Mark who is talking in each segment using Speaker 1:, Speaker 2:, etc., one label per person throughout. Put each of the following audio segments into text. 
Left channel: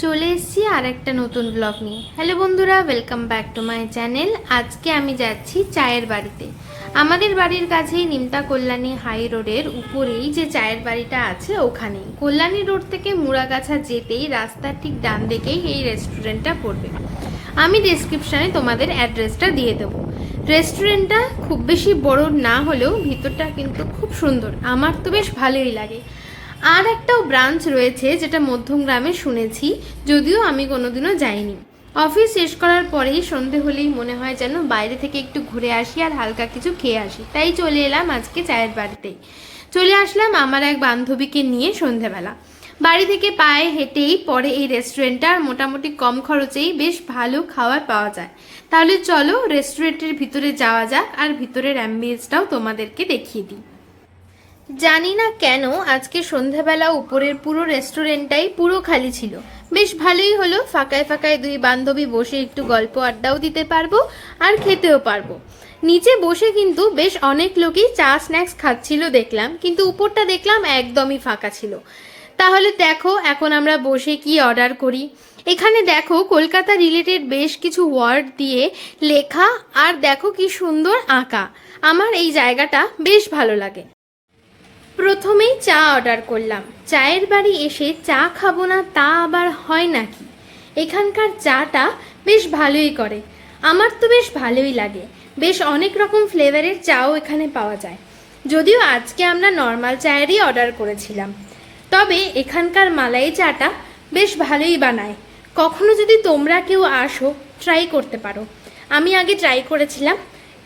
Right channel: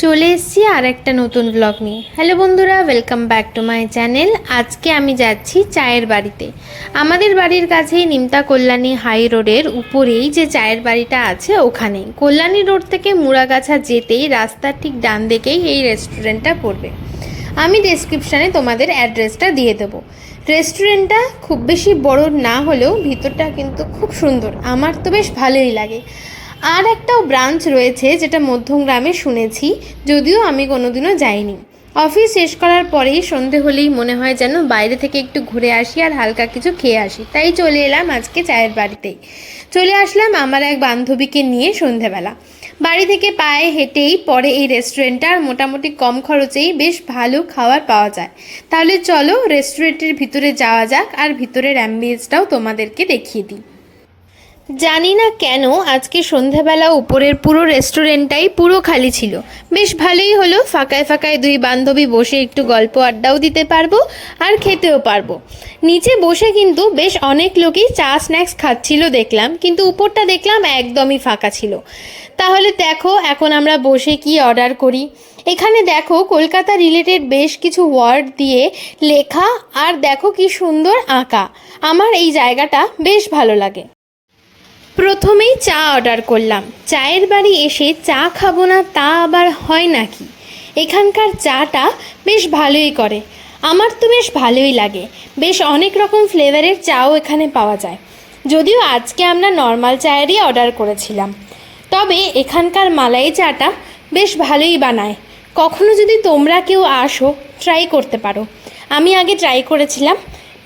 Speaker 1: চলে এসেছি আর একটা নতুন ব্লগ নিয়ে। হ্যালো বন্ধুরা welcome back to my channel আজকে আমি যাচ্ছি চায়ের বাড়িতে। আমাদের বাড়ির কাছেই নিমতা কল্যাণী হাই রোডের উপরেই যে চায়ের বাড়িটা আছে, ওখানেই। কল্যাণী রোড থেকে মুড়াগাছা যেতেই রাস্তার ঠিক ডান দিকেই এই রেস্টুরেন্টটা পড়বে। আমি ডেসক্রিপশানে তোমাদের অ্যাড্রেসটা দিয়ে দেবো। রেস্টুরেন্টটা খুব বেশি বড় না হলেও ভিতরটা কিন্তু খুব সুন্দর। আমার তো বেশ ভালোই লাগে। আর একটাও ব্রাঞ্চ রয়েছে যেটা মধ্যমগ্রামে শুনেছি, যদিও আমি কোনোদিনও যাইনি। অফিস শেষ করার পরেই সন্ধে হলেই মনে হয় যেন বাইরে থেকে একটু ঘুরে আসি আর হালকা কিছু খেয়ে আসি। তাই চলে এলাম আজকে চায়ের বাড়িতেই চলে আসলাম আমার এক বান্ধবীকে নিয়ে সন্ধেবেলা। বাড়ি থেকে পায়ে হেঁটেই পরে এই রেস্টুরেন্টটা আর মোটামুটি কম খরচেই বেশ ভালো খাবার পাওয়া যায়। তাহলে চলো রেস্টুরেন্টের ভিতরে যাওয়া যাক আর ভিতরের অ্যাম্বিয়েন্সটাও তোমাদেরকে দেখিয়ে দিই। জানি না কেন আজকে সন্ধ্যাবেলা উপরের পুরো রেস্টুরেন্টটাই পুরো খালি ছিল। বেশ ভালোই হলো, ফাঁকায় ফাঁকায় দুই বান্ধবী বসে একটু গল্প আড্ডাও দিতে পারব আর খেতেও পারব। নিচে বসে কিন্তু বেশ অনেক লোকই চা, স্ন্যাক্স খাচ্ছিল দেখলাম, কিন্তু উপরটা দেখলাম একদমই ফাঁকা ছিল। তাহলে দেখো, এখন আমরা বসে কি অর্ডার করি? এখানে দেখো, কলকাতা রিলেটেড বেশ কিছু ওয়ার্ড দিয়ে লেখা, আর দেখো কি সুন্দর আঁকা। আমার এই জায়গাটা বেশ ভালো লাগে। প্রথমেই চা অর্ডার করলাম। চায়ের বাড়ি এসে চা খাব না তা আবার হয় নাকি? এখানকার চাটা বেশ ভালোই করে। আমার তো বেশ ভালোই লাগে। বেশ অনেক রকম ফ্লেভারের চাও এখানে পাওয়া যায়। যদিও আজকে আমরা নর্মাল চায়েরই অর্ডার করেছিলাম। তবে এখানকার মালাই চাটা বেশ ভালোই বানায়। কখনো যদি তোমরা কেউ আসো ট্রাই করতে পারো। আমি আগে ট্রাই করেছিলাম।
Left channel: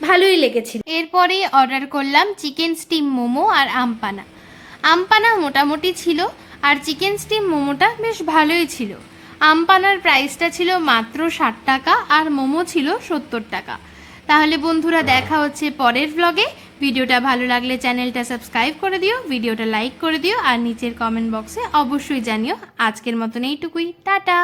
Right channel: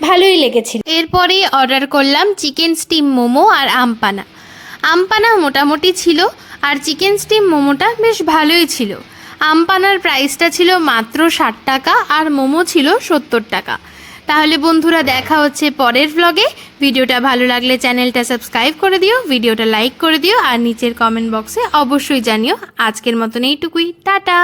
Speaker 1: ভালোই লেগেছিল। এরপরে অর্ডার করলাম চিকেন স্টিম মোমো আর আমপানা। আমপানা মোটামুটি ছিল আর চিকেন স্টিম মোমোটা বেশ ভালোই ছিল। আমপানার প্রাইসটা ছিল মাত্র ষাট টাকা আর মোমো ছিল সত্তর টাকা। তাহলে বন্ধুরা দেখা হচ্ছে পরের ব্লগে ভিডিওটা ভালো লাগলে চ্যানেলটা সাবস্ক্রাইব করে দিও, ভিডিওটা লাইক করে দিও আর নিচের কমেন্ট বক্সে অবশ্যই জানিও। আজকের মতন এইটুকুই। টাটা!